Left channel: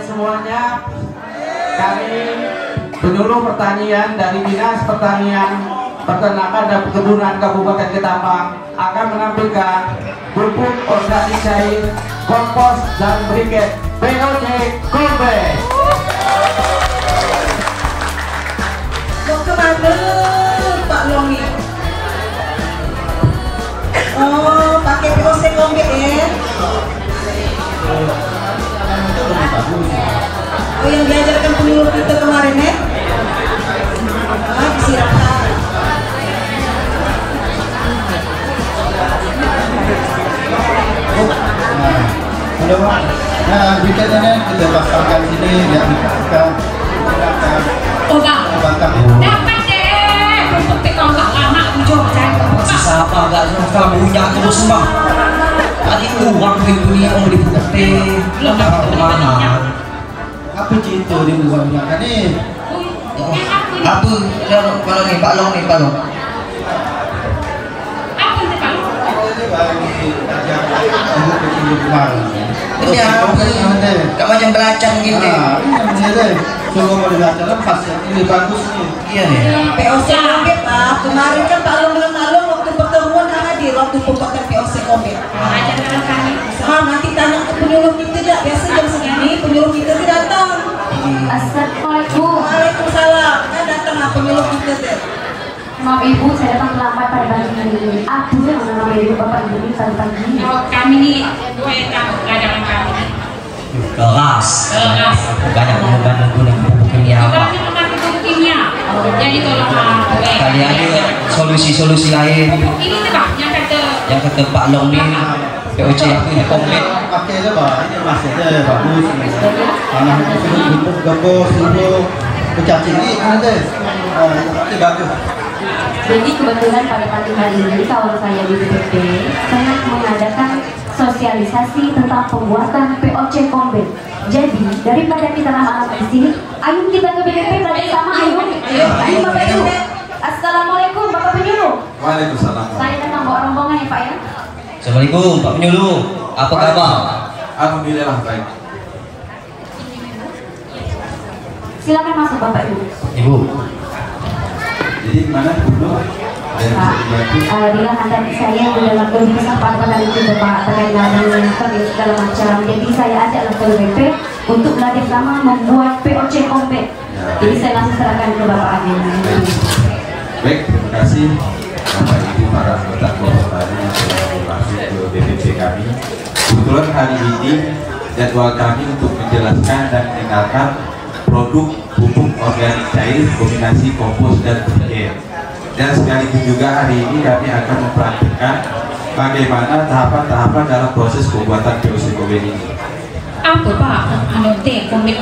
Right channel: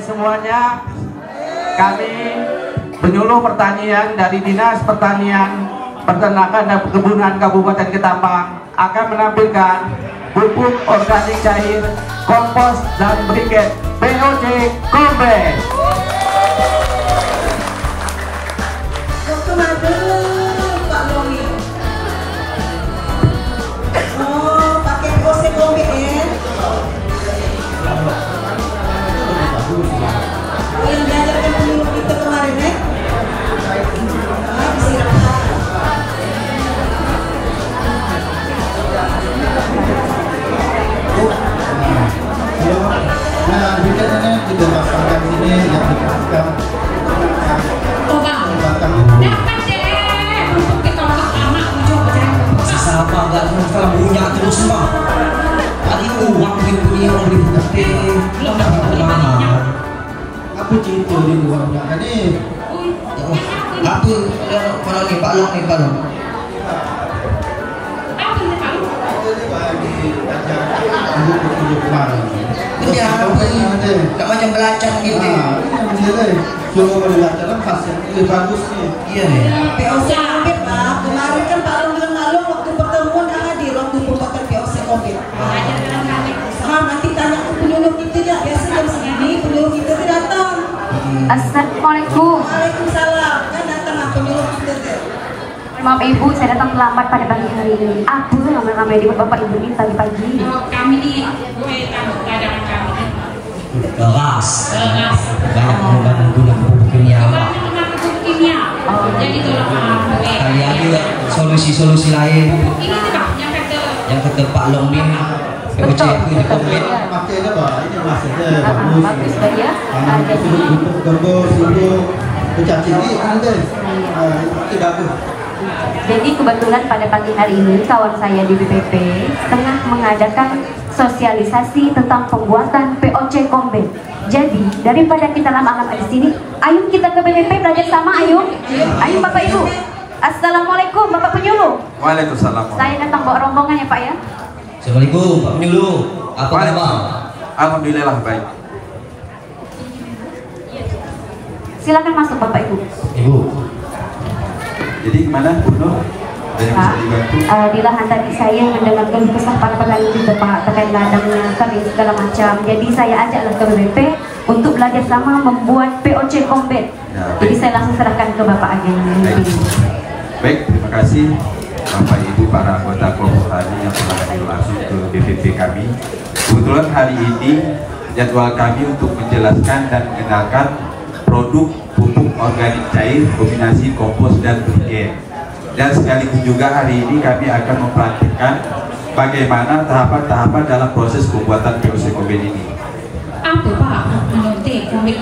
Semuanya, kami penyuluh pertanian dari Dinas Pertanian, Peternakan dan Perkebunan Kabupaten Ketapang akan menampilkan pupuk organik cair, kompos dan briket POC Kombet. Pak Lomi. Oh, pakai POC Kombet ya? Oh, yang diajarkan penyuluh kita kemarin ya? Silakan. Halo Pak, nah bikinnya kita pasangkan sini ya, kita dapat deh untuk dikongkak anak coba siapa agak kamu punya terus semua tadi uang punya beli bukti belum dapat kemana apa cerita di luar belakang ni? apa kalau ni Pak Long ni Pak Long apa sih Pak? Ini bagi ajar ibu kemarin. ini apa namanya belacang gitu Ini deh, coba belajar lepas ini bagus ni. iya nih POC Kombet Pak, kemarin kan Pak Long bilang lalu waktu pertemuan kan hadir waktu pembuatan POC Kombet. Ajarkan kami. Nanti tanya ke penyuluh kita ya, biasa jam segini penyuluh kita datang. Assalamualaikum. Waalaikumsalam, kan datang lah penyuluh kita teh. Maaf Ibu, saya datang terlambat pada pagi hari ini. Aku tuh mengambil dari Bapak Ibu ini pagi-pagi. Oh, kami ni gue tahu keadaan kami. keras Keras. banyak menggunakan pupuk kimia Kalau Pak. memakai pupuk kimia, jadi kalau gue Kali ada solusi-solusi lain ini tuh Pak, yang kata yang kata Pak Long ni POC itu di Kombet Pakai tu Pak, ini masih ada bagus. Mana untuk gembos, untuk pencacing ni mana tu? Itu bagus. Jadi kebetulan pada pagi hari ini kawan saya di BPP tengah mengadakan sosialisasi tentang pembuatan POC Kombet. Jadi daripada kita lama-lama di sini, ayo kita ke BPP belajar sama ayo. Ayo Bapak Ibu. Assalamualaikum Bapak Penyuluh. Waalaikumsalam. Saya datang bawa rombongan ya Pak ya. Assalamualaikum Pak Penyuluh, apa kabar? Alhamdulillah baik. Silakan masuk Bapak Ibu. Ibu Jadi gimana Bu? Ada yang bisa dibantu? Di lahan tadi saya mendengar kesempatan hari ini Pak terkait ladangnya kami segala macam. Jadi saya ajaklah ke BP untuk belajar sama membuat POC Kombet. Jadi saya langsung serahkan ke Bapak Agen. Baik, terima kasih Bapak Ibu para anggota kelompok tani yang sudah langsung ke BPP kami. Kebetulan hari ini jadwal kami untuk menjelaskan dan mengenalkan produk pupuk organik cair kombinasi kompos dan briket. Dan sekaligus juga hari ini kami akan mempraktikkan bagaimana tahapan-tahapan dalam proses pembuatan POC Kombet ini. apa Pak? Anote, kombit,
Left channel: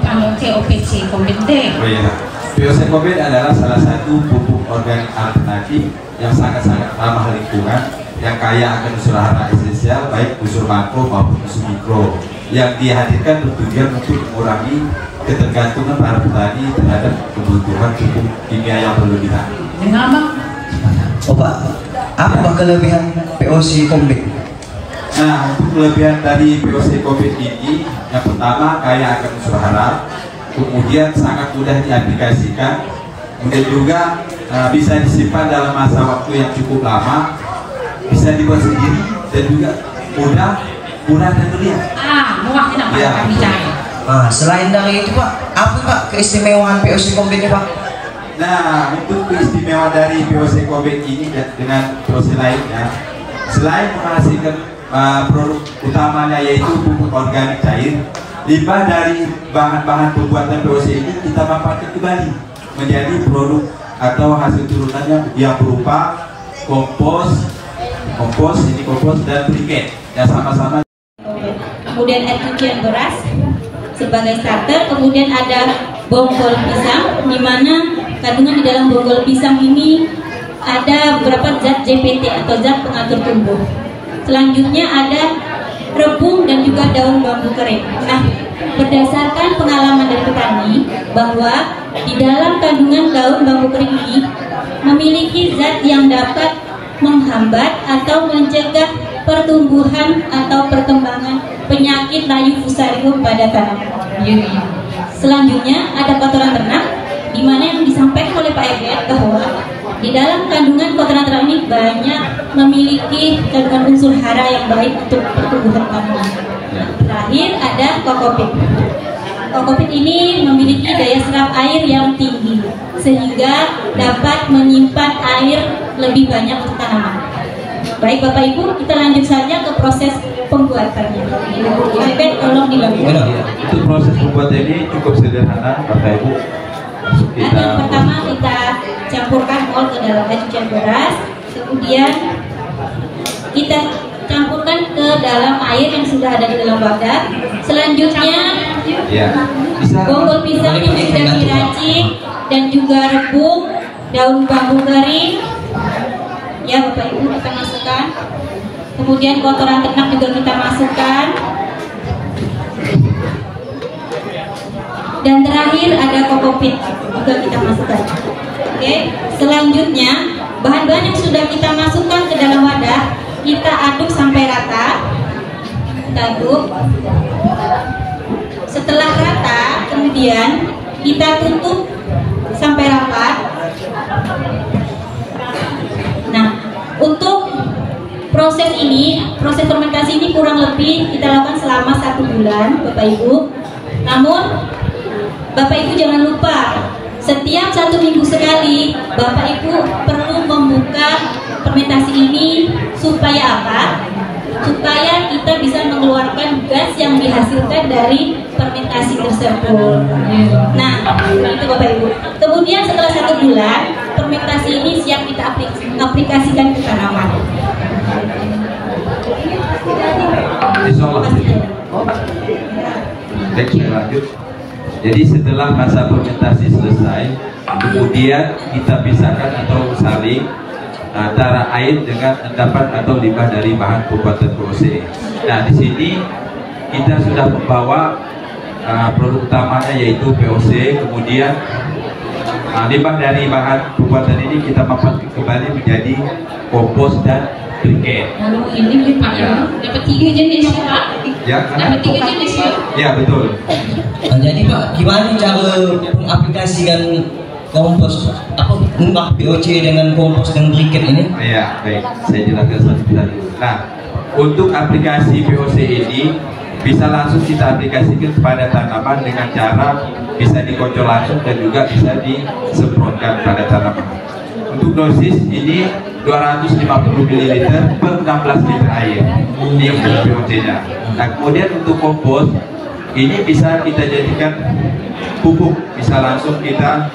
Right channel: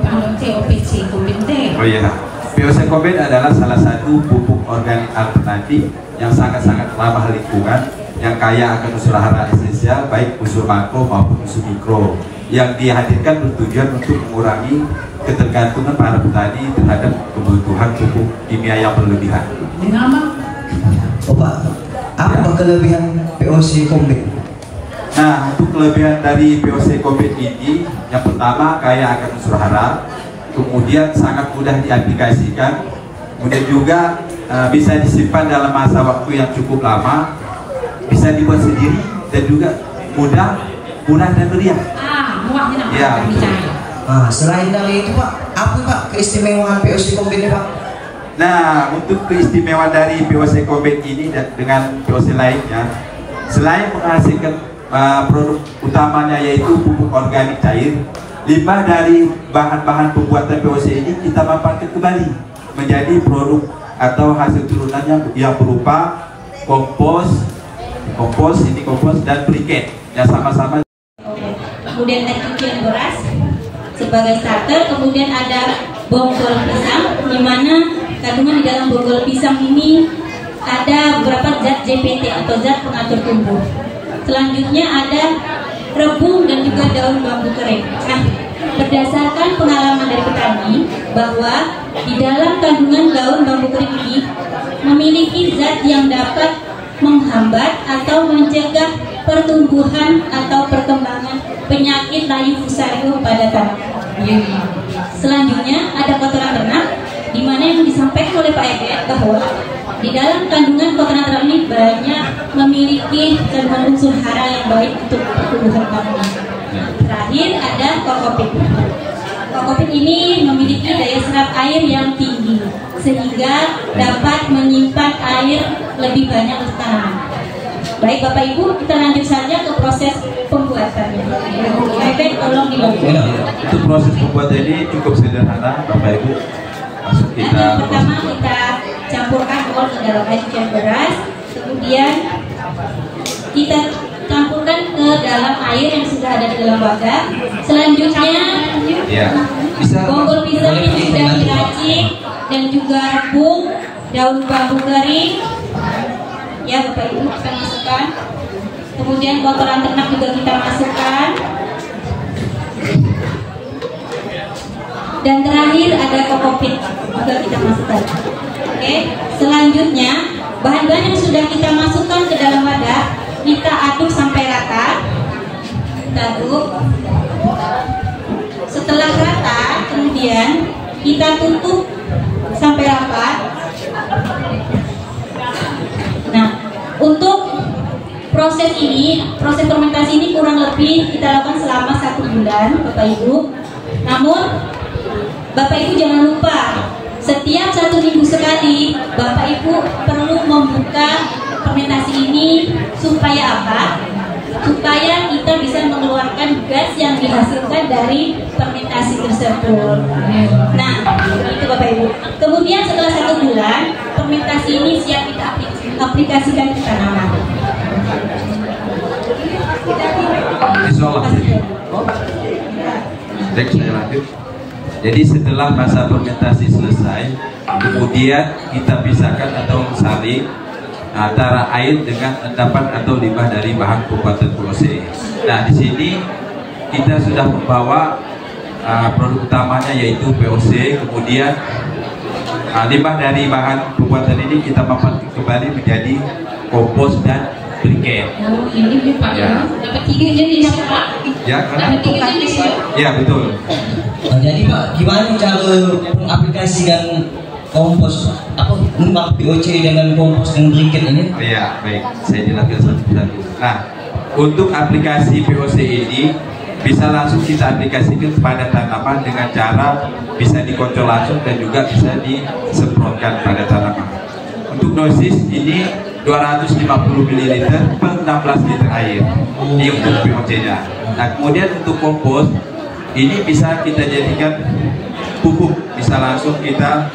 anote, OPC, kombit deh. Oh iya, POC Kombet adalah salah satu pupuk organik alternatif yang sangat-sangat ramah lingkungan, yang kaya akan unsur hara esensial baik unsur makro maupun unsur mikro, yang dihadirkan bertujuan untuk mengurangi ketergantungan para petani terhadap kebutuhan pupuk kimia yang berlebihan. Dengan apa? oh Pak, apa kelebihan POC Kombet? Nah, untuk kelebihan dari POC Kombet ini, yang pertama kaya akan unsur hara, kemudian sangat mudah diaplikasikan, kemudian juga bisa disimpan dalam masa waktu yang cukup lama, bisa dibuat sendiri dan juga murah dan meriah. Murahnya nak Ya. kami cari. Selain dari itu Pak, apa Pak keistimewaan POC Kombet ini Pak? Nah, untuk keistimewaan dari POC Kombet ini dengan POC lainnya, selain menghasilkan produk utamanya yaitu pupuk organik cair, limbah dari bahan-bahan pembuatan POC ini kita manfaatkan kembali menjadi produk atau hasil turunannya yang berupa kompos dan briket yang sama-sama. Kemudian ada cucian beras sebagai starter, kemudian ada bonggol pisang, di mana kandungan di dalam bonggol pisang ini ada beberapa zat JPT atau zat pengatur tumbuh. Selanjutnya ada rebung dan juga daun bambu kering. Nah, berdasarkan pengalaman dari petani bahwa di dalam kandungan daun bambu kering ini memiliki zat yang dapat menghambat atau mencegah pertumbuhan atau perkembangan penyakit layu fusarium pada tanaman. Selanjutnya ada kotoran ternak, di mana yang disampaikan oleh Pak Eget bahwa di dalam kandungan kotoran ternak ini banyak memiliki kandungan unsur hara yang baik untuk pertumbuhan tanaman. Terakhir ada kokopit. Kokopit ini memiliki daya serap air yang tinggi sehingga dapat menyimpan air lebih banyak untuk tanaman. Baik Bapak Ibu, kita lanjut saja ke proses pembuatannya. Baik, tolong dilakukan. Untuk proses pembuatan ini cukup sederhana, Bapak Ibu. Yang pertama kita campurkan kol ke dalam air cucian beras, kemudian kita campurkan ke dalam air yang sudah ada di dalam wadah. Selanjutnya bonggol pisang yang sudah diracik dan juga rebung, daun bambu kering, ya Bapak Ibu kita masukkan. Kemudian kotoran ternak juga kita masukkan. Dan terakhir ada kokopit juga kita masukkan. Oke, selanjutnya bahan-bahan yang sudah kita masukkan ke dalam wadah kita aduk sampai rata. Kita aduk. Setelah rata, kemudian kita tutup sampai rapat. Nah, untuk proses fermentasi ini kurang lebih kita lakukan selama 1 bulan, Bapak Ibu. Namun Bapak Ibu jangan lupa, setiap 1 minggu sekali Bapak Ibu perlu membuka fermentasi ini supaya apa? Supaya kita bisa mengeluarkan gas yang dihasilkan dari fermentasi tersebut. Nah, itu Bapak Ibu. Kemudian setelah 1 bulan, fermentasi ini siap kita aplikasikan ke tanaman. Lanjut. Jadi setelah masa fermentasi selesai, kemudian kita pisahkan atau saring antara air dengan endapan atau limbah dari bahan pembuatan POC. Nah, di sini kita sudah membawa produk utamanya yaitu POC, kemudian limbah dari bahan pembuatan ini kita manfaatkan kembali menjadi kompos dan briket. Ini Pak, dapat 3 jenis Pak. Ya, dapat 3 jenis ya. Ya, betul. Jadi Pak, gimana cara mengaplikasikan kompos limbah POC dengan kompos dan briket ini? Ya, baik. Saya jelaskan satu persatu. Nah, untuk aplikasi POC ini bisa langsung kita aplikasikan kepada tanaman dengan cara bisa dikocok langsung dan juga bisa disemprotkan pada tanaman. Untuk dosis ini 250 ml per 16 liter air. Ini untuk POC-nya. Nah, kemudian untuk kompos ini bisa kita jadikan pupuk, bisa langsung kita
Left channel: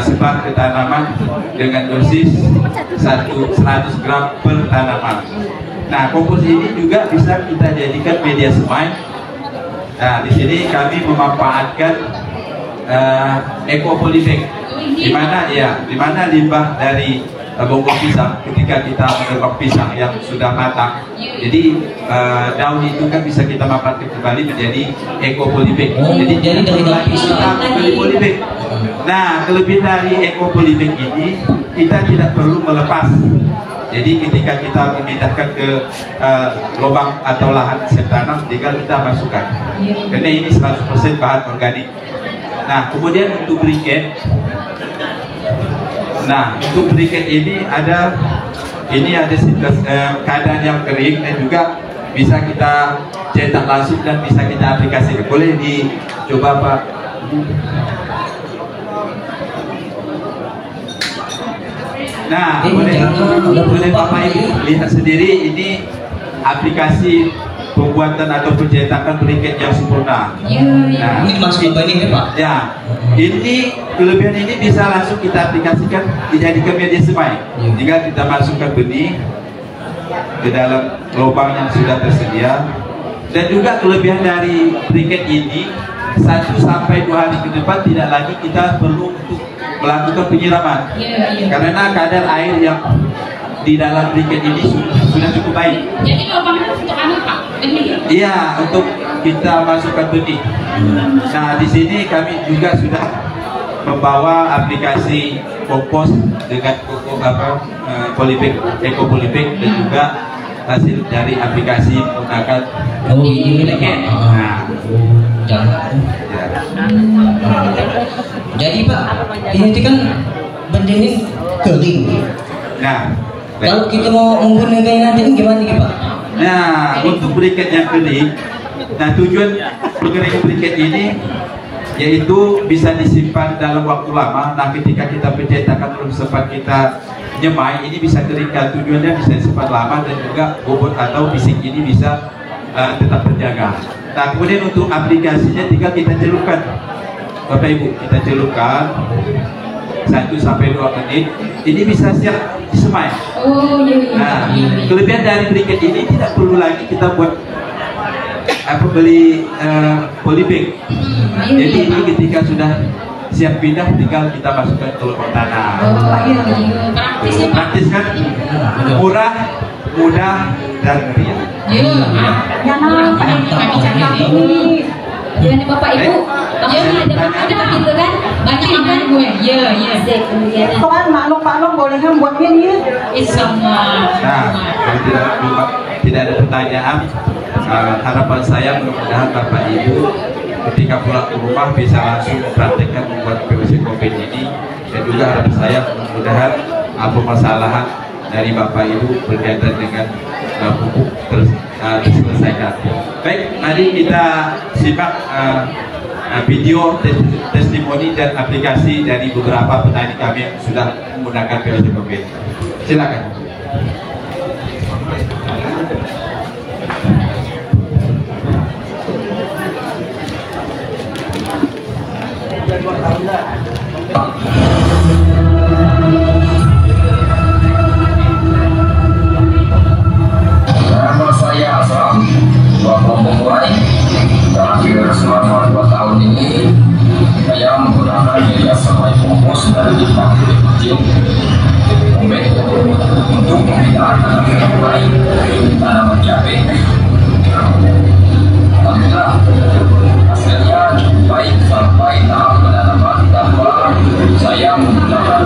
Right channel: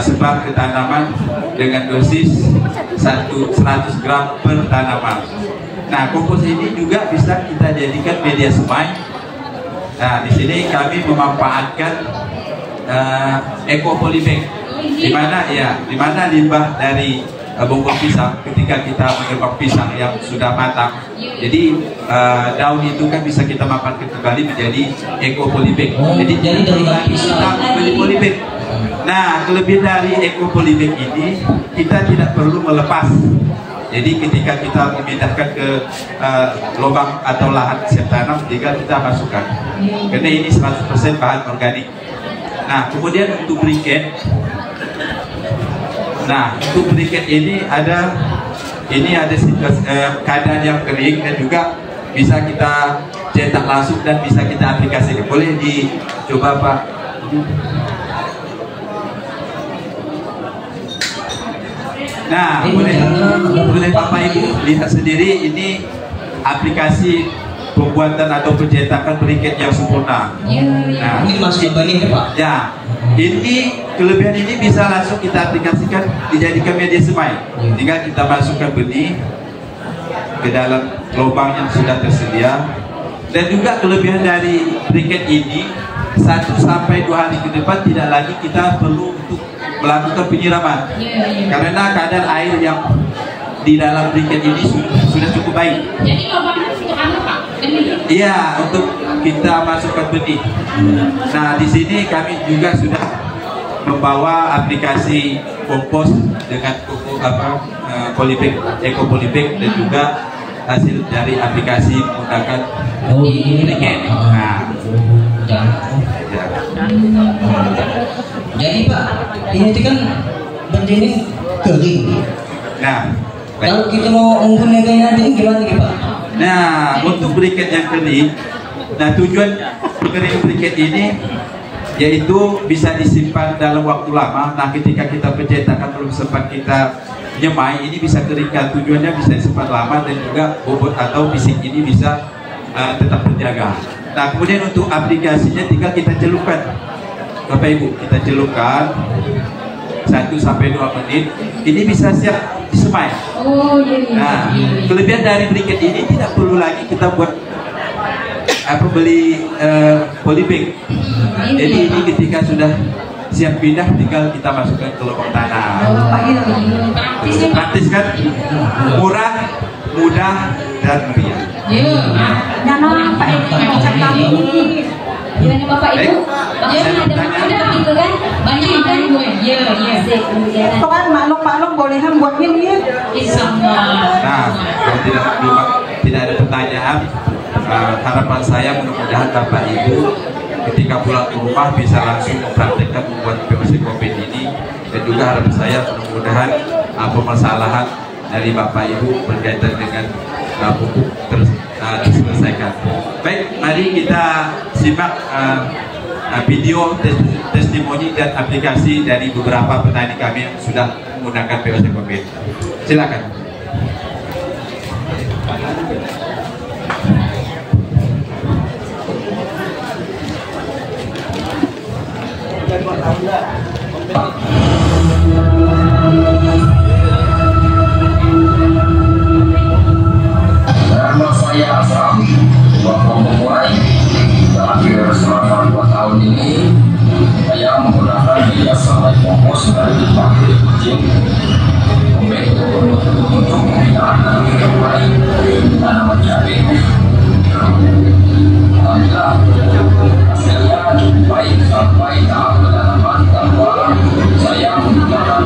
sebar ke tanaman dengan dosis 100 gram per tanaman. Nah, kompos ini juga bisa kita jadikan media semai. Nah, di sini kami memanfaatkan ekopolybag, di mana limbah dari bonggol pisang ketika kita mengerok pisang yang sudah matang, jadi daun itu kan bisa kita manfaatkan kembali menjadi ekopolybag. Jadi dari daun pisang ekopolybag. Nah, kelebihan dari ekopolybag ini kita tidak perlu melepas. Jadi ketika kita memindahkan ke lubang atau lahan siap tanam, tinggal kita masukkan. Karena ini 100% bahan organik. Nah, kemudian untuk briket. Nah, untuk briket ini ada keadaan yang kering dan juga bisa kita cetak langsung dan bisa kita aplikasikan. Boleh dicoba Pak. Nah, boleh Bapak Ibu lihat sendiri ini aplikasi pembuatan atau pencetakan briket yang sempurna. Nah, Ini masuk ke ini Pak. ya, ini kelebihan ini bisa langsung kita aplikasikan dijadikan media semai. Jika kita masukkan benih ke dalam lubang yang sudah tersedia, dan juga kelebihan dari briket ini 1 sampai 2 hari ke depan tidak lagi kita perlu untuk melakukan penyiraman, karena kadar air yang di dalam briket ini sudah cukup baik. Jadi lubangnya untuk anu Pak, Iya, untuk kita masukkan benih. Nah, di sini kami juga sudah membawa aplikasi kompos dengan polybag, eco polybag, dan juga hasil dari aplikasi menggunakan briket. Nah, Jadi Pak, ini kan benih kering. nah, Kalau kita mau menggunakannya ini gimana nih Pak? nah, untuk briket yang kering, nah tujuan pengeringan briket ini yaitu bisa disimpan dalam waktu lama. Nah, ketika kita pencetakan belum sempat kita nyemai, ini bisa keringkan. Tujuannya bisa disimpan lama dan juga bobot atau fisik ini bisa tetap terjaga. Nah, kemudian untuk aplikasinya tinggal kita celupkan, Bapak Ibu, kita celupkan 1 sampai 2 menit. Ini bisa siap disemai. Oh iya. Nah, kelebihan dari briket ini tidak perlu lagi kita buat beli polybag. Jadi ini ketika sudah siap pindah, tinggal kita masukkan ke lubang tanah. Praktis kan? Murah, mudah, dan meriah. Jangan Bapak Ibu, jangan ada makanan gitu kan? Banyak makan gue. Iya. Kan maklum boleh kan buat ini. Sama. Nah, tidak ada pertanyaan. Harapan saya mudah-mudahan Bapak Ibu ketika pulang ke rumah bisa langsung mempraktikkan membuat POC COVID ini, dan juga harapan saya mudah-mudahan permasalahan dari Bapak Ibu berkaitan dengan pupuk terselesaikan. Baik, mari kita simak video testimoni dan aplikasi dari beberapa petani kami yang sudah menggunakan POC COVID. Silakan. Nama saya Asram, mulai terakhir selama 2 tahun ini saya menggunakan media semai kompos dari pabrik kucing untuk menghilangkan baik tanaman cabai. Alhamdulillah hasilnya baik sampai tahap penanaman tanpa saya menggunakan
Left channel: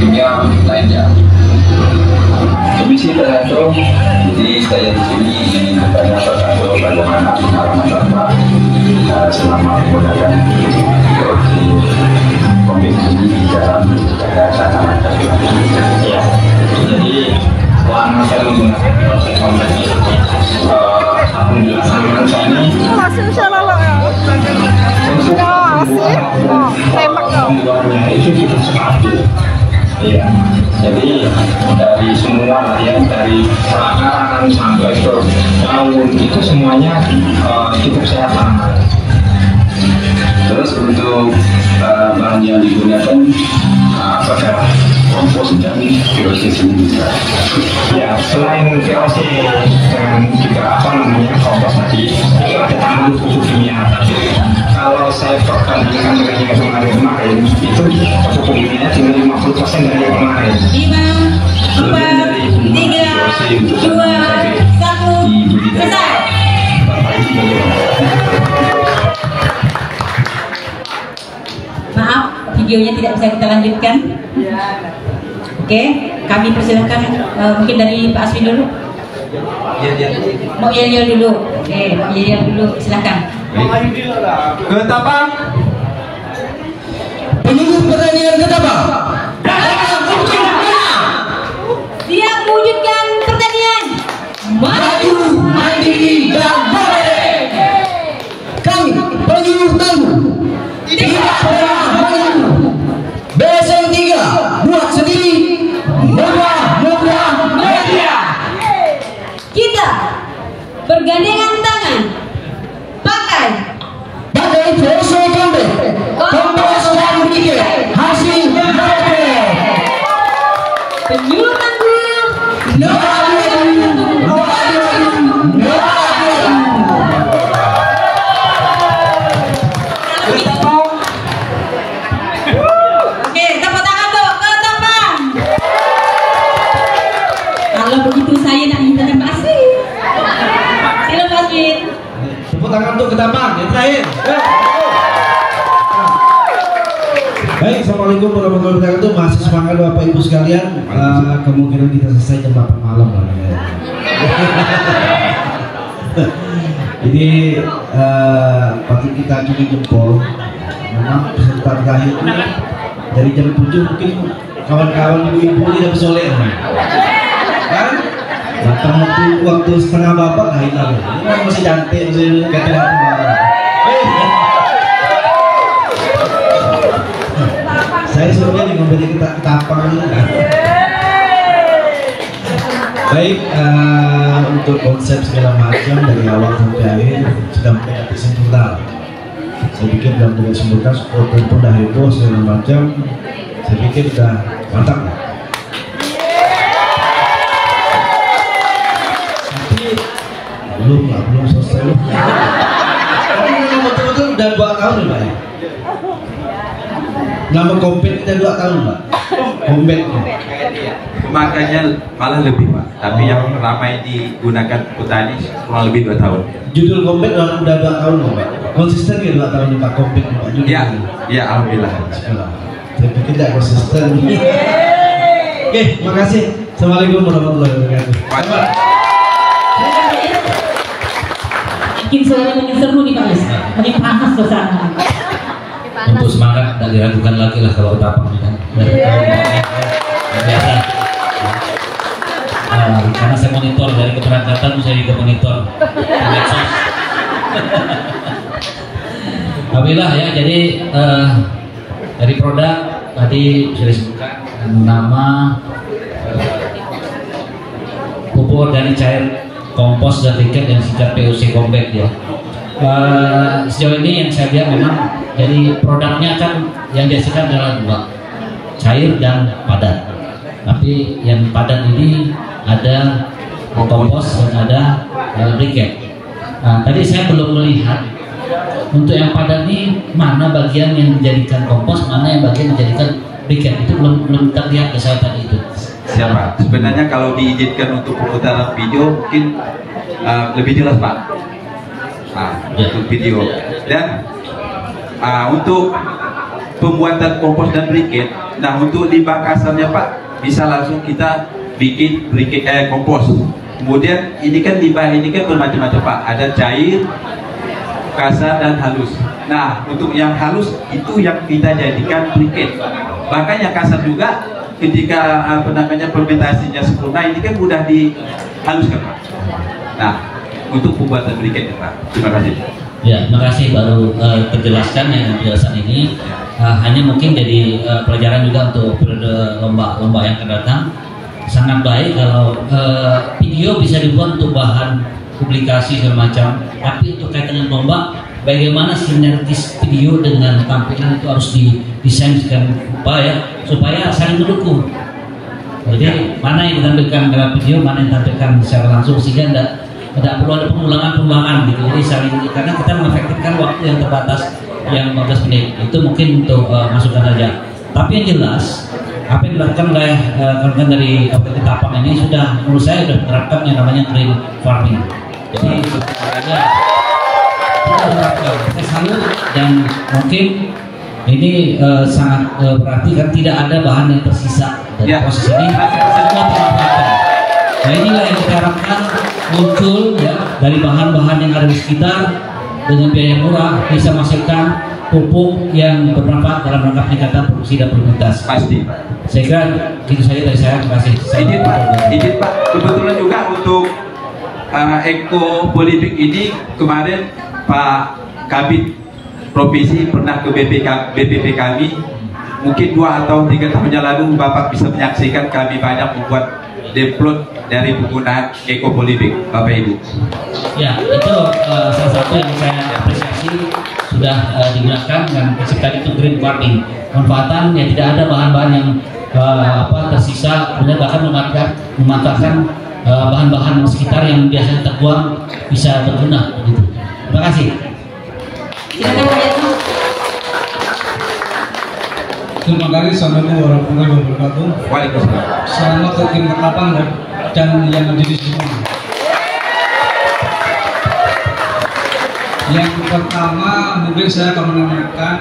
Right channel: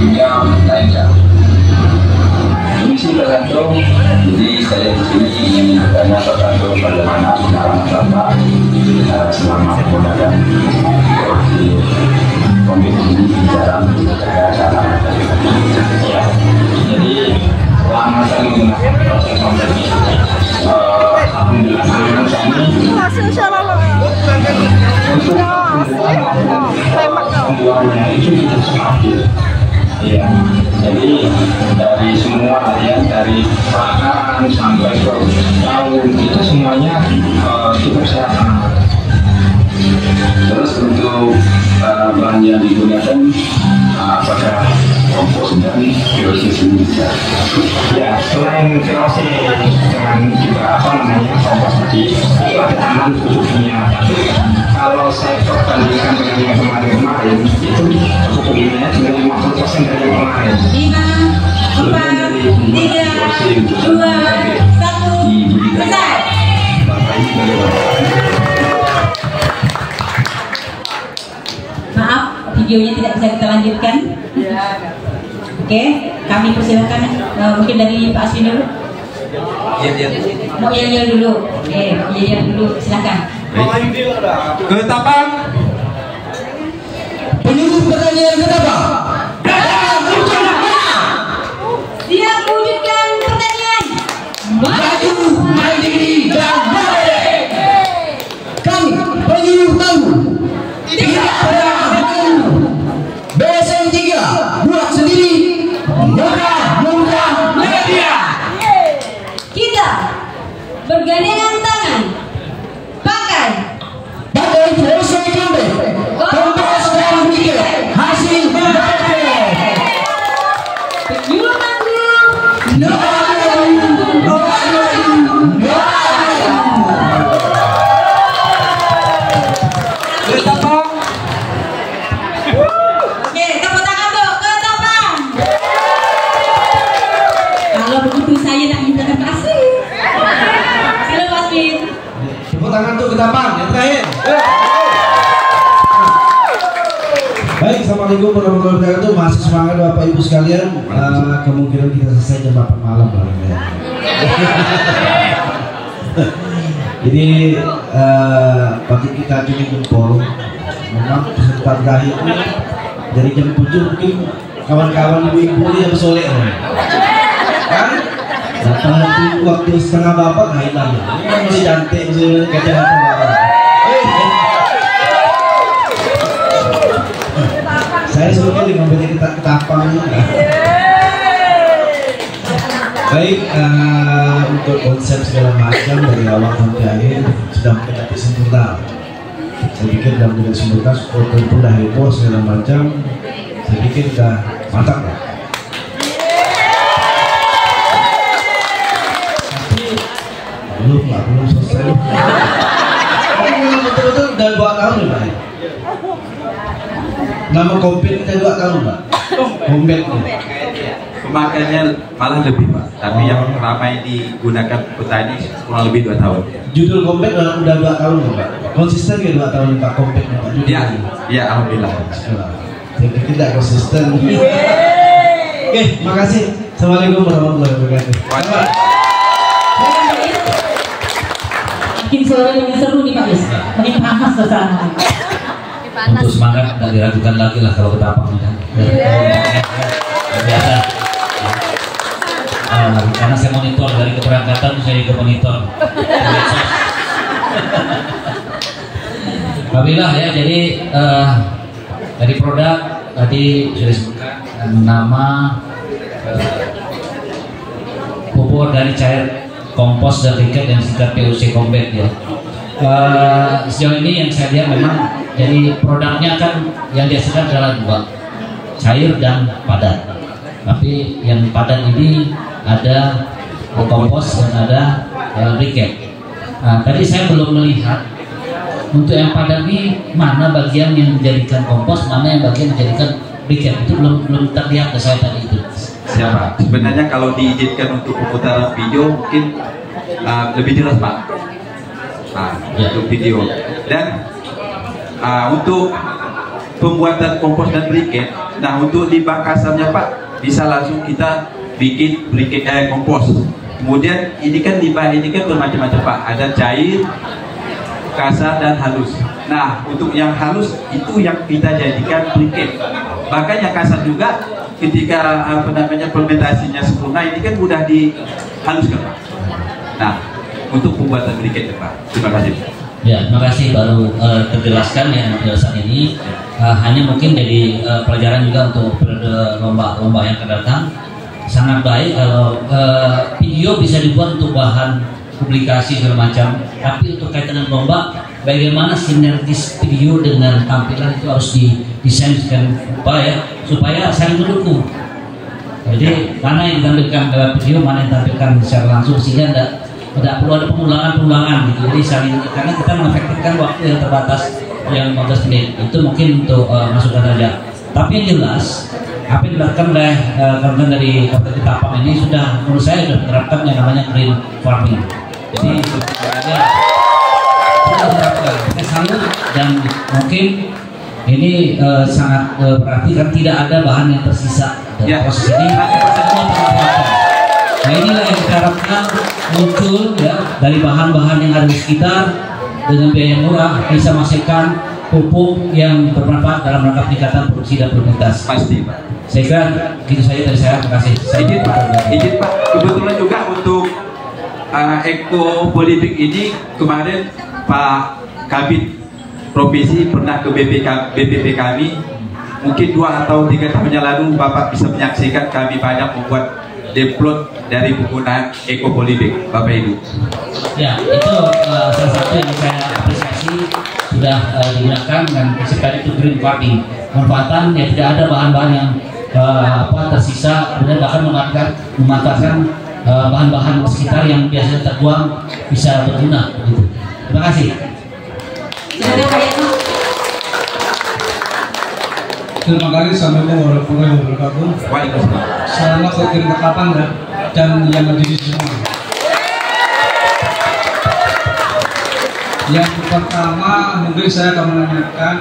kimia lainnya. Misi tergantung, jadi saya di sini ingin bertanya tergantung bagaimana penanganan sampah selama penggunaan POC COVID ini di dalam menjaga tanaman ya. Jadi selama saya menggunakan proses COVID ini, alhamdulillah saluran saya ini untuk pembuahannya itu tidak stabil. Ya, jadi dari semua ya, dari pakan sampai ke daun itu semuanya itu kesehatan. Terus untuk bahan yang digunakan apakah kompos dan POC sendiri? Ya, selain POC dengan juga kompos tadi itu ada tambahan pupuk kimia. Tapi kalau saya bandingkan dengan yang kemarin itu pupuk kimia tinggal 50% dari yang kemarin. 5, 4, 3, 2, 1, selesai. Maaf, videonya tidak bisa kita lanjutkan. Oke, kami persilakan mungkin dari Pak Aswin dulu. Mau iya dulu. Oke, iya dulu, silakan. Ketapang. Penyuluh pertanian Ketapang. Dia mewujudkan pertanian Maju, mandiri, dan boleh. Kami penyuluh tangguh, tidak pernah mengeluh. BSM 3 buat sendiri. untuk Ketapang yang terakhir. Baik, assalamualaikum warahmatullahi wabarakatuh. Masih semangat Bapak Ibu sekalian. Kemungkinan kita selesai jam 8 malam ya. Ini bagi kita acungi jempol. Memang peserta terakhir ini dari jam 7 mungkin kawan-kawan ibu-ibu ini lebih soleh kan? Datang waktu setengah bapak nggak hilang. Ini kan masih cantik, masih kata-kata marah. Saya sebutnya dengan banyak kita Ketapang. Baik, untuk konsep segala macam dari awal sampai akhir sudah mendekati sempurna. Saya pikir dalam tidak sempurna, supporter pun dah heboh segala macam. Saya pikir sudah mantap lah. Tapi belum selesai. Tapi betul-betul udah 2 tahun ya Pak. Nama kompet kita 2 tahun Pak. Kompet. Pemakaiannya malah lebih Pak, tapi yang ramai digunakan petani kurang lebih 2 tahun. Judul kompet udah 2 tahun Pak. Konsisten ya 2 tahun Pak kompet Pak. Ya, alhamdulillah. Tapi tidak konsisten. Oke, makasih. Assalamualaikum warahmatullahi wabarakatuh. Makin sore makin seru nih Pak Is. Makin panas suasana. Untuk semangat tidak diragukan lagi lah kalau Ketapang ini kan. Biasa. Karena saya monitor dari keberangkatan, saya juga monitor medsos. Alhamdulillah ya, jadi dari produk tadi sudah disebutkan nama, pupuk dari cair kompos dan briket yang singkat POC Combat ya. Sejauh ini yang saya lihat memang jadi produknya kan yang dihasilkan adalah 2, cair dan padat. Tapi yang padat ini ada kompos dan ada briket. Tadi saya belum melihat untuk yang padat ini mana bagian yang dijadikan kompos, mana yang bagian menjadikan briket. Itu belum terlihat ke saya tadi itu. Siapa? Sebenarnya kalau diizinkan untuk pemutaran video mungkin lebih jelas Pak. Untuk video. Dan untuk pembuatan kompos dan briket, nah untuk limbah kasarnya Pak bisa langsung kita bikin briket kompos. Kemudian ini kan limbah ini kan bermacam-macam Pak. Ada cair, kasar dan halus. Nah untuk yang halus itu yang kita jadikan briket. Bahkan yang kasar juga ketika fermentasinya sempurna ini kan mudah dihaluskan Pak. Nah untuk pembuatan briket ya Pak. Terima kasih. Ya, terima kasih baru terjelaskan yang penjelasan ini. Hanya mungkin jadi pelajaran juga untuk lomba-lomba yang akan datang. Sangat baik kalau video bisa dibuat untuk bahan publikasi segala macam, tapi untuk kaitan dengan lomba, bagaimana sinergis video dengan tampilan itu harus didesain supaya saling mendukung. Jadi mana yang ditampilkan dalam video, mana yang ditampilkan secara langsung, sehingga tidak perlu ada pengulangan gitu. Jadi saling, karena kita mengefektifkan waktu yang terbatas yang 15 menit. Itu mungkin untuk masukan saja. Tapi yang jelas apa yang dilakukan oleh kawan-kawan dari Kabupaten Ketapang ini sudah menurut saya sudah diterapkan yang namanya green farming. Jadi sudah diterapkan. Saya salut dan mungkin ini sangat berarti kan tidak ada bahan yang tersisa dari proses ini. Semua termanfaatkan. Nah inilah yang kita harapkan muncul ya dari bahan-bahan yang ada di sekitar dengan biaya murah bisa menghasilkan pupuk yang bermanfaat dalam rangka peningkatan produksi dan produktivitas. Pasti Pak. Saya kira gitu saja dari saya. Terima kasih. Izin Pak. Kebetulan juga untuk Eko Polybig ini kemarin Pak Kabid Provinsi pernah ke BPP kami. Mungkin 2 atau 3 tahun yang lalu Bapak bisa menyaksikan kami banyak membuat deplot dari penggunaan Eko Polybig, Bapak Ibu. Ya, itu salah satu yang saya apresiasi sudah digunakan dan prinsip tadi itu green farming. Manfaatan ya tidak ada bahan-bahan yang tersisa, kemudian bahkan memanfaatkan bahan-bahan sekitar yang biasanya terbuang bisa berguna. Gitu. Terima kasih. Silakan Pak Yatmo. Terima kasih. Assalamualaikum warahmatullahi wabarakatuh. Waalaikumsalam. Selamat ke tim Ketapang dan yang ada di semua. Yang pertama mungkin saya akan menanyakan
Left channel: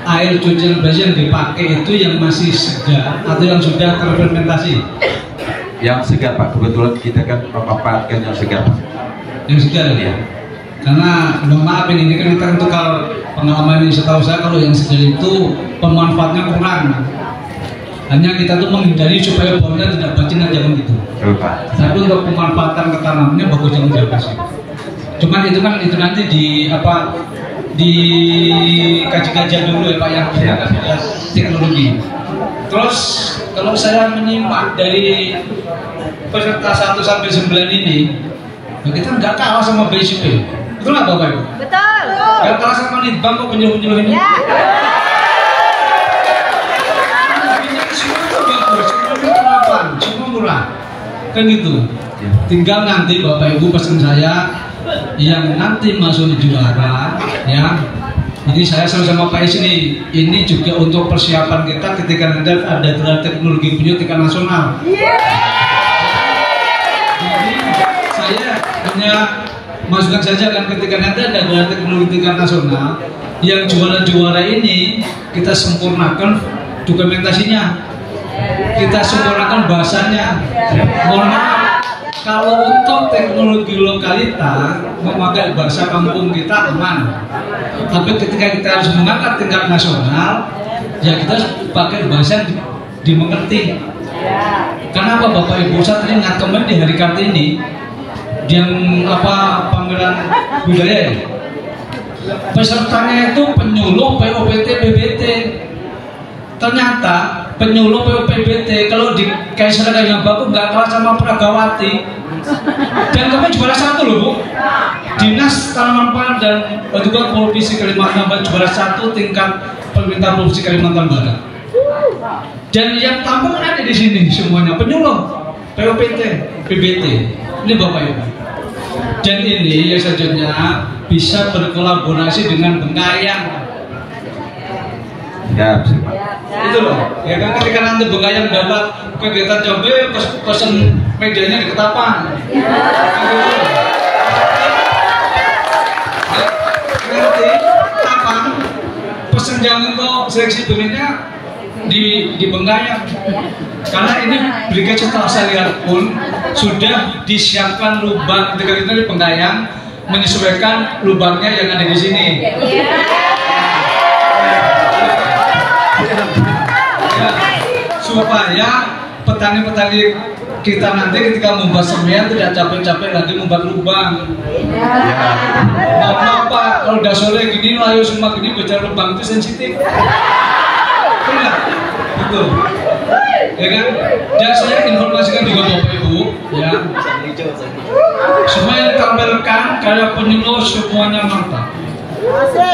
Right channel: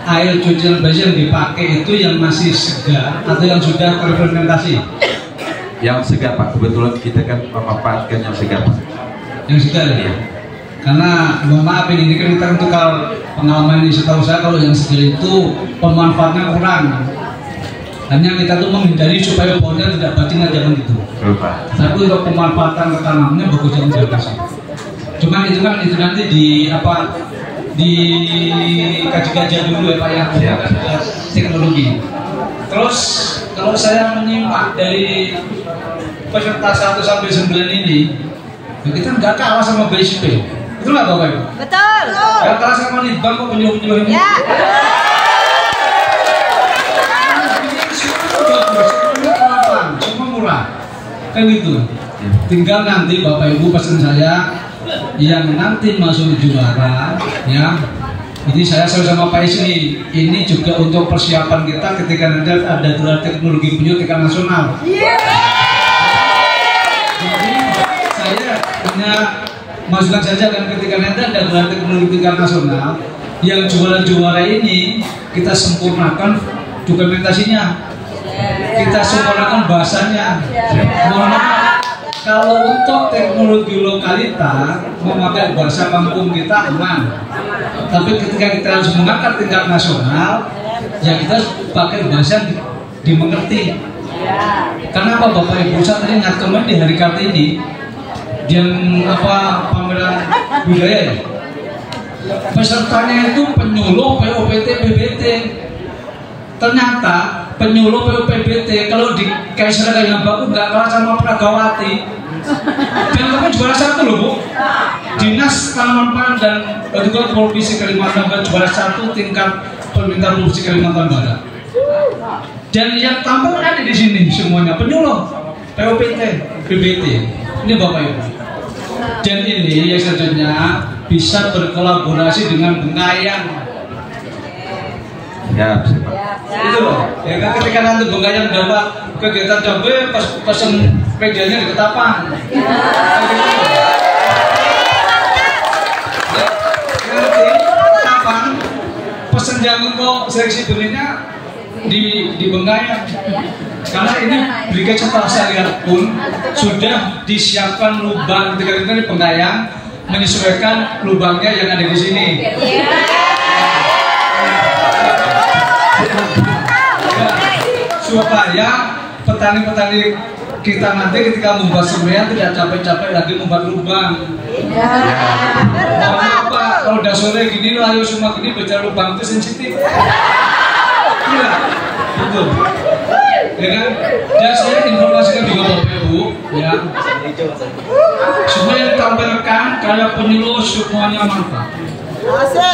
air cucian baju yang dipakai itu yang masih segar atau yang sudah terfermentasi? Yang segar Pak, kebetulan kita kan memanfaatkan yang segar Pak. Yang segar ya? Karena mohon maaf ini kan kita untuk pengalaman ini, setahu saya kalau yang segar itu pemanfaatnya kurang. Hanya kita tuh menghindari supaya baunya tidak bacin aja kan gitu. Tapi untuk pemanfaatan ke tanamannya bagus yang bagus. Cuman itu kan itu nanti di kaji-kajian dulu ya Pak ya, teknologi. Terus kalau saya menyimak dari peserta 1 sampai 9 ini, kita nggak kalah sama BSP. Betul nggak Bapak Ibu? Betul. Nggak kalah sama Litbang kok penyuluh-penyuluh ini. Ya. Semua murah, kan gitu. Tinggal nanti Bapak Ibu pesan saya yang nanti masuk juara ya. Ini saya sama Pak Isni, ini juga untuk persiapan kita ketika nanti ada gelar teknologi penyu tingkat nasional. Jadi saya punya masukan saja kan ketika nanti ada gelar teknologi tingkat nasional, yang juara-juara ini kita sempurnakan dokumentasinya, kita sempurnakan bahasanya. Mohon maaf, kalau untuk teknologi lokalita memakai bahasa kampung kita aman. Tapi ketika kita harus mengangkat tingkat nasional, ya kita pakai bahasa yang dimengerti. Kenapa Bapak Ibu saya teringat kemarin di hari Kartini yang pameran budaya, pesertanya itu penyuluh POPT BBT. Ternyata penyuluh POPT kalau di Kaiser yang bagus nggak kalah sama Pragawati. Dan kami juara 1 loh Bu. Dinas Tanaman Pangan dan juga Provinsi Kalimantan Barat juara 1 tingkat pemerintah Provinsi Kalimantan Barat. Dan yang tampil ada di sini semuanya penyuluh POPT BBT. Ini Bapak Ibu. Dan ini yang selanjutnya bisa berkolaborasi dengan Bengkayang. Ya, Pak. Itu loh. Ya kan ketika nanti Bengkayang dapat kegiatan cabai pesen medianya di Ketapang. Nanti Ketapang pesen jam untuk seleksi benihnya di Bengkayang. Karena ini Brigade Setelah Syariat pun sudah disiapkan lubang ketika itu di Bengkayang menyesuaikan lubangnya yang ada di sini. Supaya petani-petani kita nanti ketika membuat semen tidak capek-capek lagi membuat lubang. Mohon maaf Pak, kalau udah sore gini layu semua gini bicara lubang itu sensitif. Tidak, gitu. Ya kan? Dan saya informasikan juga Bapak Ibu, ya. Semua yang ditampilkan karya penyuluh semuanya manfaat.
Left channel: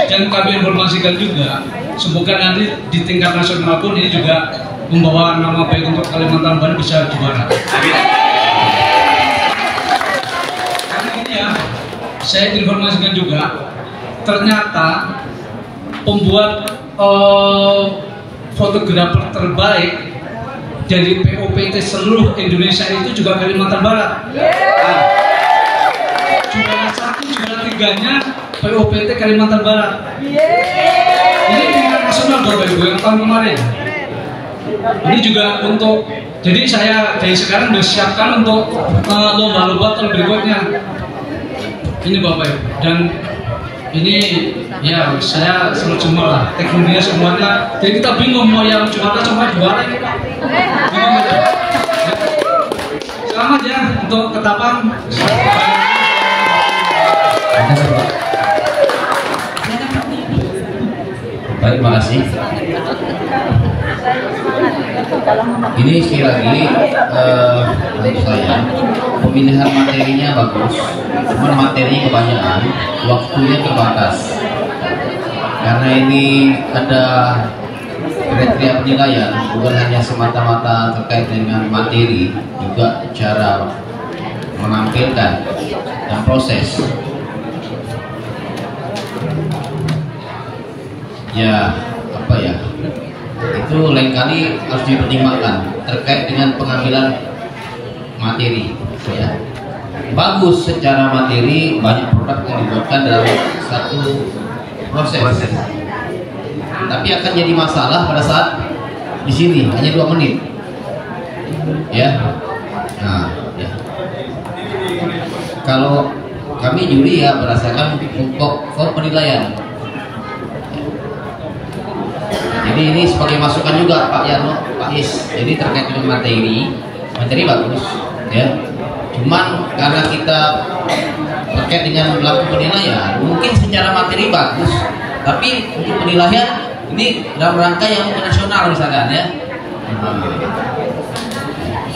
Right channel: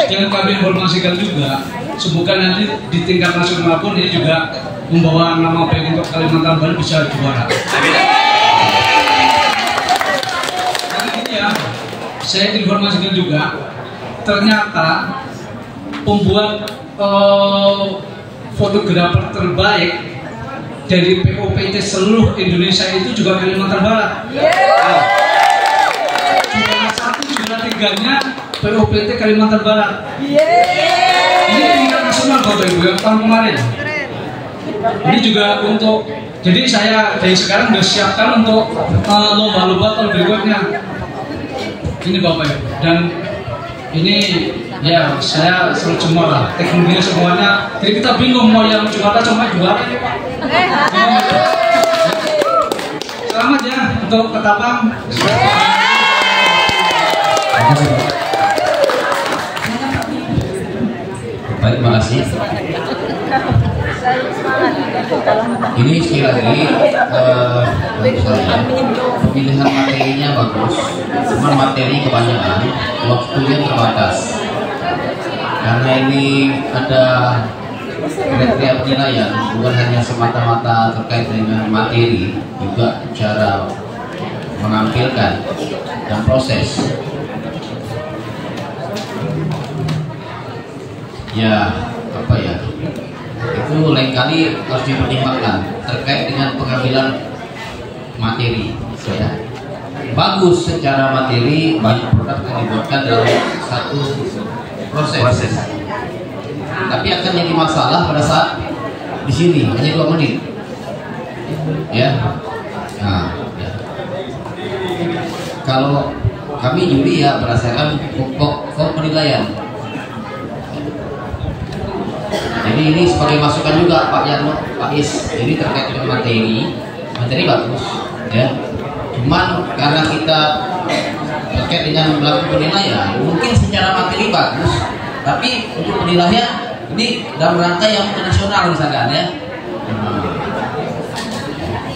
Dan kami informasikan juga, semoga nanti di tingkat nasional pun ini juga membawa nama baik untuk Kalimantan Barat bisa juara. Amin. Karena ini ya, saya informasikan juga, ternyata pembuat fotografer terbaik dari POPT seluruh Indonesia itu juga Kalimantan Barat. Juara 1, juara 3-nya POPT Kalimantan Barat. Ini tingkat nasional Bapak Ibu yang tahun kemarin. Ini juga untuk, jadi saya dari sekarang bersiapkan untuk lomba-lomba tahun berikutnya. Ini Bapak Ibu, dan ini ya saya seru semua lah, teknologinya semuanya. Jadi kita bingung mau yang juara sama juara ini Pak. Selamat ya untuk Ketapang. Baik, terima kasih. Ini sekali lagi menurut saya pemilihan materinya bagus, cuma materi kebanyakan, waktunya terbatas. Karena ini ada kriteria penilaian, bukan hanya semata-mata terkait dengan materi, juga cara menampilkan dan proses. Ya, apa ya? Itu lain kali harus dipertimbangkan terkait dengan pengambilan materi. Ya. bagus secara materi, banyak produk yang dibuatkan dalam satu proses. Tapi akan jadi masalah pada saat di sini hanya 2 menit, ya. Nah, ya. Kalau kami juri ya berdasarkan pokok penilaian. Jadi ini sebagai masukan juga Pak Yarno, Pak Is. Jadi terkait dengan materi bagus, ya. Cuman karena kita terkait dengan melakukan penilaian, mungkin secara materi bagus, tapi untuk penilaian ini dalam rangka yang nasional misalkan, ya.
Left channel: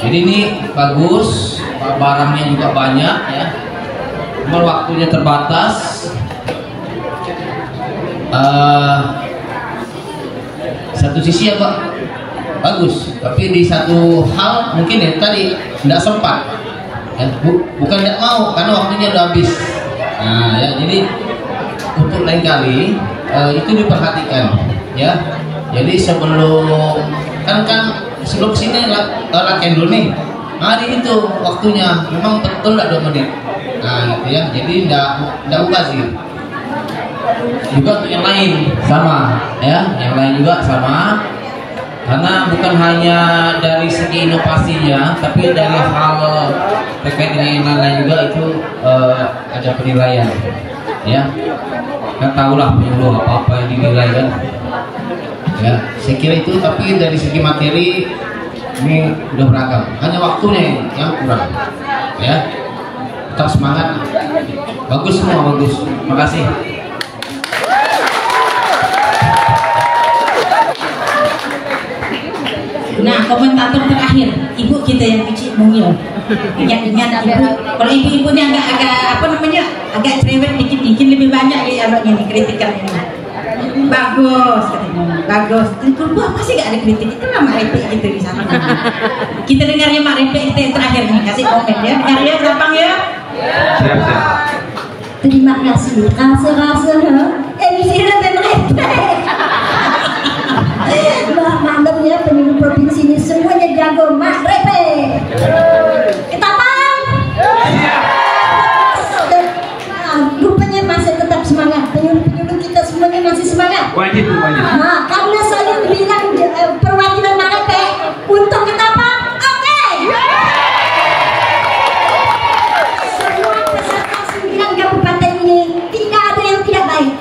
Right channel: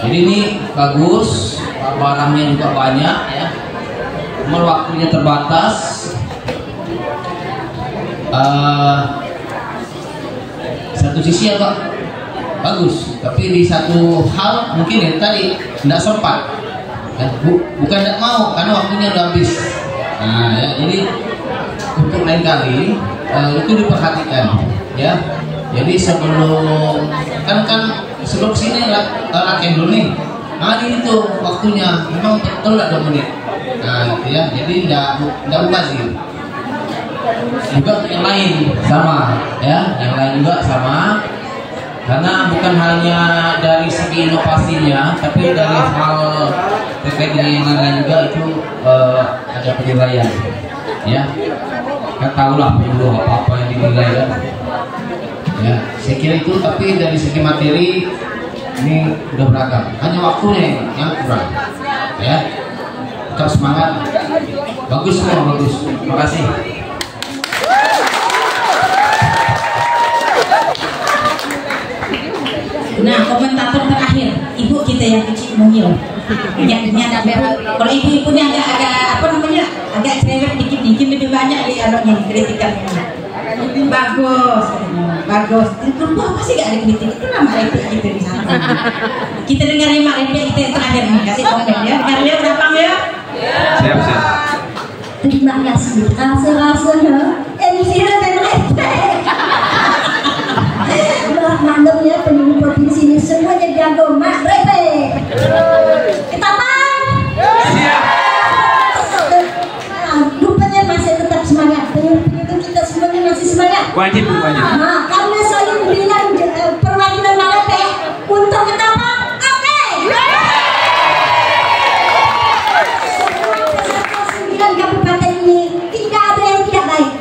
Jadi ini bagus, barangnya juga banyak, ya. Cuma waktunya terbatas. Satu sisi ya Pak, bagus, tapi di satu hal mungkin ya tadi tidak sempat, ya. Bukan tidak mau, karena waktunya udah habis. Nah, ya, jadi untuk lain kali itu diperhatikan, ya. Jadi sebelum sebelum sini rangkaian dulu nih. Nah, ini tuh waktunya memang betul 2 menit. Nah, gitu ya. Jadi tidak sih. Juga yang lain sama, ya, yang lain juga sama, karena bukan hanya dari segi inovasinya, tapi dari hal terkait dengan yang lain juga itu ada penilaian, ya. Kita tahulah penyuluh apa yang dinilai, kan, ya. Saya kira itu, tapi dari segi materi ini udah beragam, hanya waktunya yang kurang, ya. Tetap semangat, bagus semua, bagus. Terima kasih. Nah, komentator terakhir, ibu kita yang kecil mungil. Anak ibu, kalau ibu ini agak cerewet dikit lebih banyak ya anaknya nih kritikan ini. Bagus, bagus. Tentu apa sih gak ada kritik? Itu lah Mak Repek gitu di sana. Kita dengarnya Mak Repek kita yang terakhir nih, kasih komen ya. Dengarnya berapa ya? Siap. Terima kasih. Rasa MC dan Repek. Maklumnya penyuluh provinsi ini semuanya jago. Mak Repek ketapang siap. Rupanya masih tetap semangat. Penyuluh kita semuanya masih semangat. Wajib. Nah, karena saya bilang perwakilan Mak Repek untuk ketapang, oke. Semua peserta 9 kabupaten ini tidak ada yang tidak baik.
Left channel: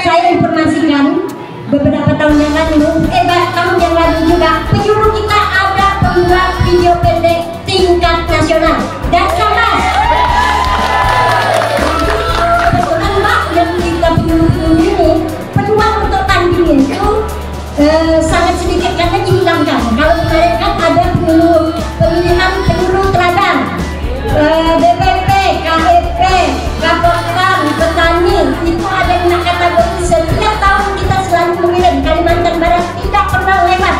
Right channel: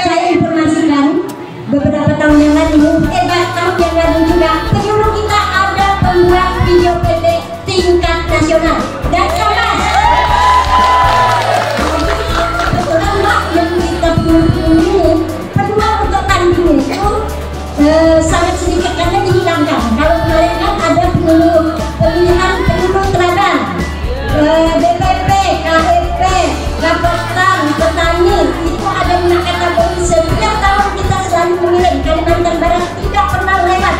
Saya informasikan beberapa tahun yang lalu, tahun yang lalu juga penyuluh kita ada pembuat video pendek tingkat nasional dan kelas. Kebetulan Mbak yang kita ini peluang untuk tanding itu sangat sedikit karena dihilangkan. Kalau kemarin kan ada pemilihan penyuluh teladan, DPP, KEP, Kapoltan, petani, itu ada yang kategori. Setiap tahun kita selalu mengirim. Kalimantan Barat tidak pernah lewat.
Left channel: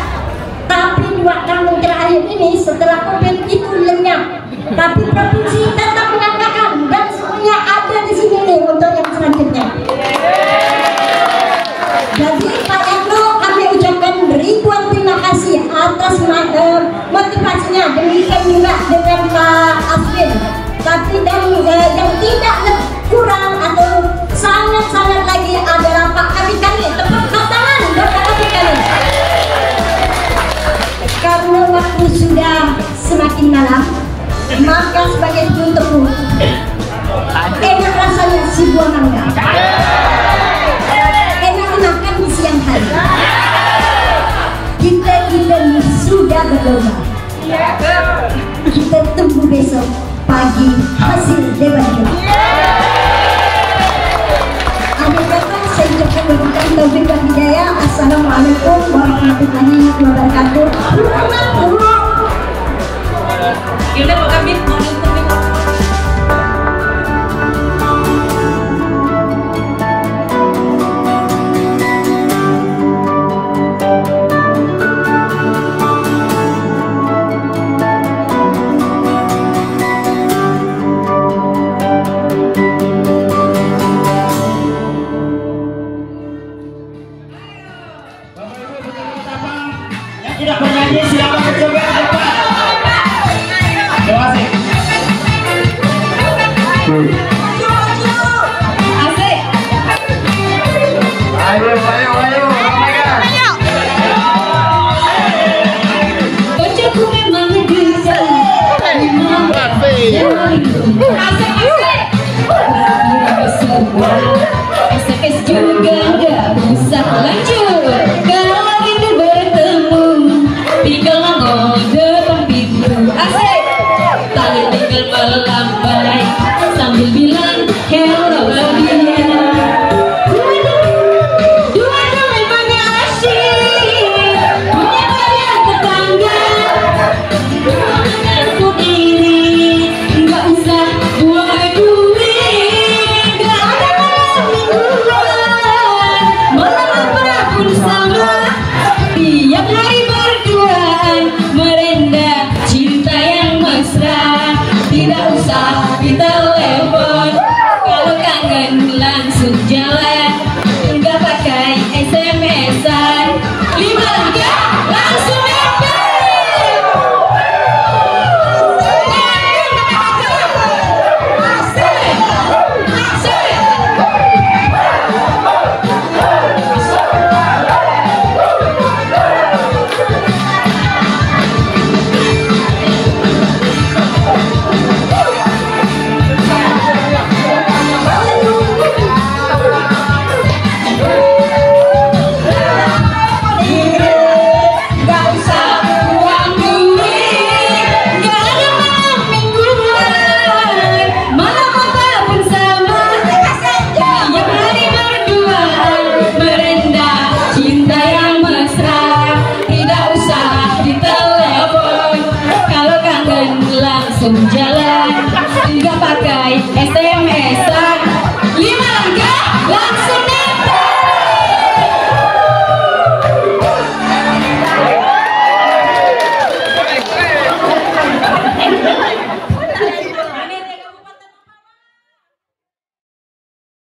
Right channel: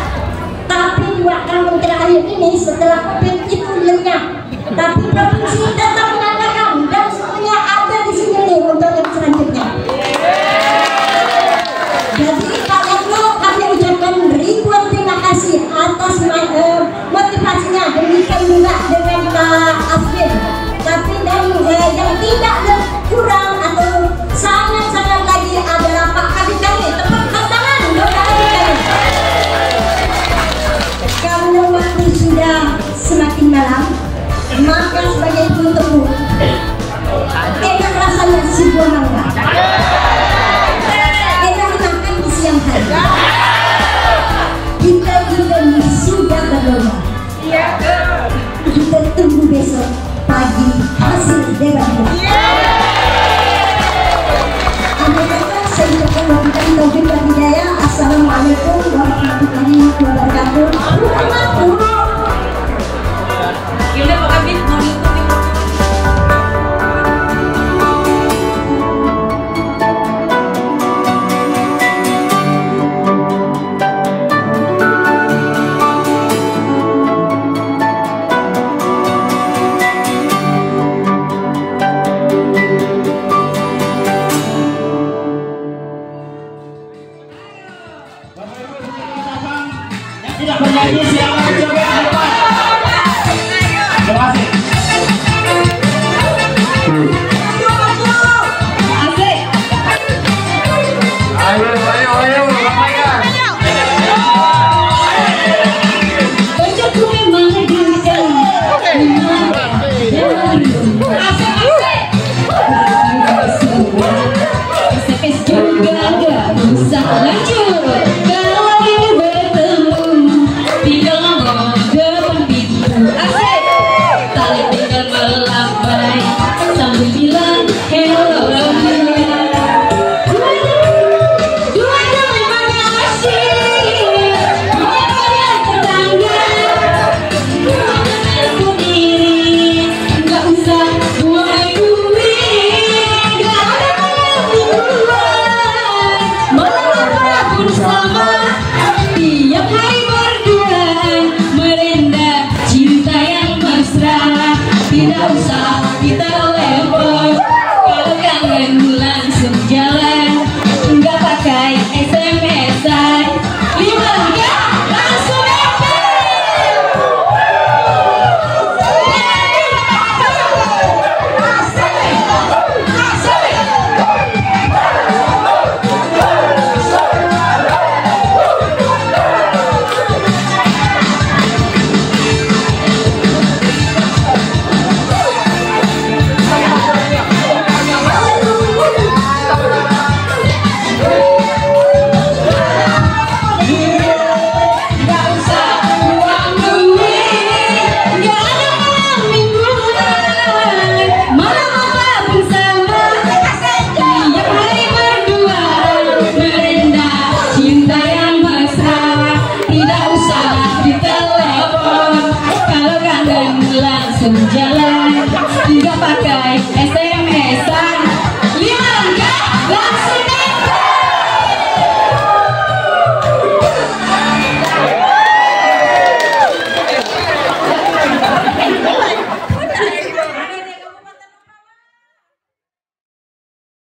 Tapi 2 tahun terakhir ini setelah COVID itu lenyap. Tapi provinsi tetap mengatakan dan semuanya ada di sini nih untuk yang selanjutnya. Jadi kalian kami ucapkan ribuan terima kasih atas motivasinya. Demikian juga dengan Pak Aswin. Tapi dan yang tidak kurang atau sangat lagi adalah Pak Kabit kami. Tepuk tangan buat Pak Kabit kami. Karena waktu sudah semakin malam, maka sebagai penutup enak rasanya si buah mangga. Enak makan di siang hari. Kita ini sudah berdoa. Kita tunggu besok pagi hasil debat kita. Ada kata saya ucapkan wabillahi taufiq wal hidayah. Assalamualaikum warahmatullahi wabarakatuh. Kita mau habis tidak bernyanyi siapa